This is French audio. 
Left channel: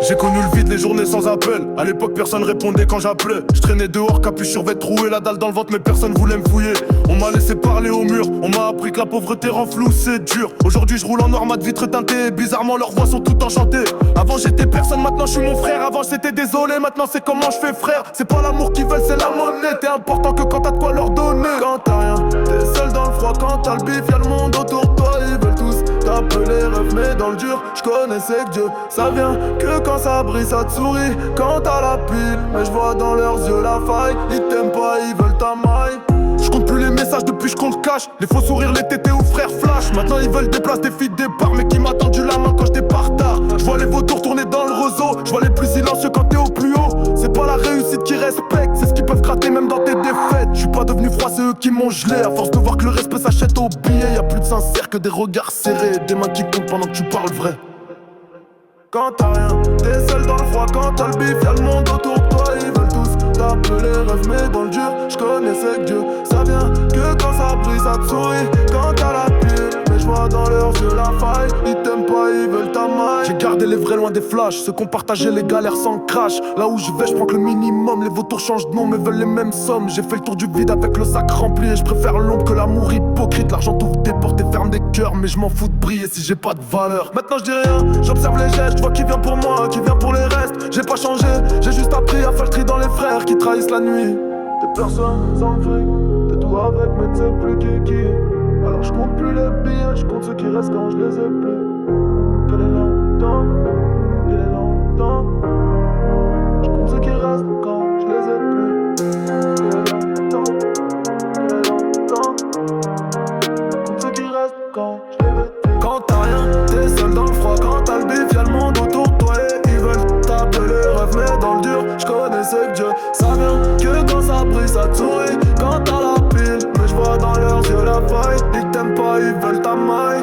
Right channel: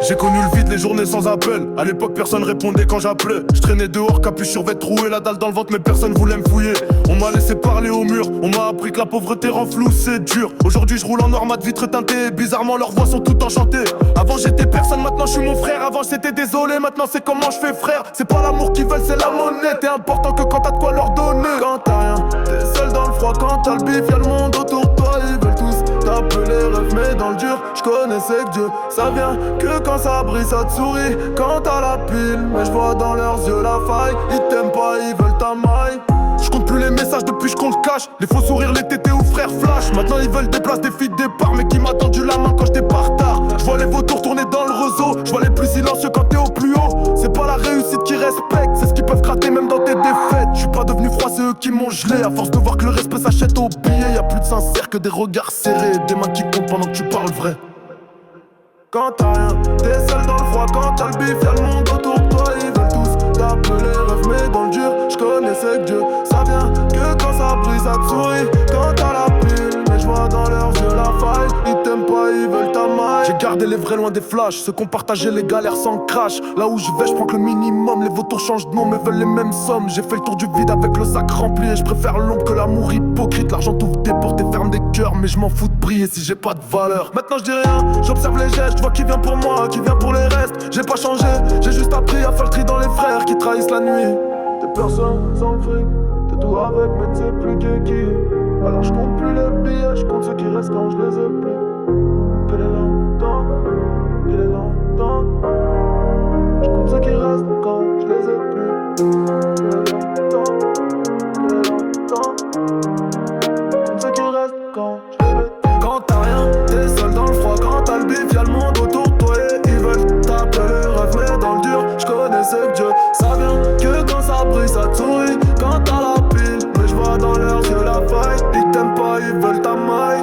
J'ai connu le vide, les journées sans appel. À l'époque personne répondait quand j'appelais. Je traînais dehors, capuche sur vêtre troué, la dalle dans le ventre mais personne voulait me fouiller. On m'a laissé parler au mur, on m'a appris que la pauvreté rend flou, c'est dur. Aujourd'hui je roule en armade vitre teintée, bizarrement leurs voix sont toutes enchantées. Avant j'étais personne, maintenant je suis mon frère. Avant c'était désolé, maintenant c'est comment je fais frère. C'est pas l'amour qu'ils veulent, c'est la monnaie. T'es important que quand t'as de quoi leur donner. Quand t'as rien, t'es seul dans le froid. Quand t'as le bif, y'a le monde autour de toi. Ils veulent tous t'appeler rêve, mais dans le dur, je connaissais que Dieu. Ça vient que quand ça brille, ça te sourit. Quand t'as la pile, mais je vois dans leurs yeux la faille. Ils t'aiment pas, ils veulent ta maille. Je compte plus les messages depuis je compte cash. Les faux sourires, les tétés ou frères flash. Maintenant ils veulent des places, des filles de départ, mais qui m'a tendu la main quand j'étais pas retard. Je vois les vautours tourner dans le réseau. Je vois les plus silencieux quand t'es au plus haut. C'est pas la réussite qui respecte, c'est ce qu'ils peuvent gratter même dans tes défaites. Je suis pas devenu froid, c'est eux qui m'ont gelé. À force de voir que le respect s'achète au billet. Y'a plus de sincère que des regards serrés, des mains qui comptent pendant que tu parles vrai. Quand t'as rien, t'es seul dans le froid. Quand t'as le bif, y'a le monde autour de toi. Ils veulent tous t'appeler rêve, mais dans le dur, je connaissais que Dieu. Ça vient que quand ça brille, ça te sourit. Quand t'as la pile, mais je vois dans leurs yeux la faille. Ils t'aiment pas, ils veulent ta maille. J'ai gardé les vrais loin des flashs, ceux qui ont partagé les galères sans crash. Là où je vais, je prends que le minimum. Les vautours changent de nom, mais veulent les mêmes sommes. J'ai fait le tour du vide avec le sac rempli. Et je préfère l'ombre que l'amour hypocrite. L'argent t'ouvre des portes et ferme des cœurs, mais je m'en fous de briller si j'ai pas de valeur. Maintenant je dis rien, j'observe les gestes. Je vois qui vient pour moi, qui vient pour les restes. J'ai pas changé, j'ai juste appris à faire le tri dans les frères qui trahissent la nuit. T'es personne sans le fric, t'es tout avec mais tu sais plus qui est qui. Alors je compte plus les billets, je compte ceux qui restent quand je les ai plus. Quel est longtemps, quel est longtemps. Je compte ceux qui restent quand je les ai plus. Quel est longtemps, quel est longtemps. Je compte ceux qui restent quand je les ai plus. Quand t'as rien, t'es seul dans le froid. Quand t'as le bif, y'a le monde autour de toi. Et ils veulent t'appeler rêve, mais dans le dur, je connaissais que Dieu. Ça vient que quand ça brille, ça te sourit. Quand t'as la pile, mais je vois dans leurs yeux la faille. Ils t'aiment pas, ils veulent ta maille.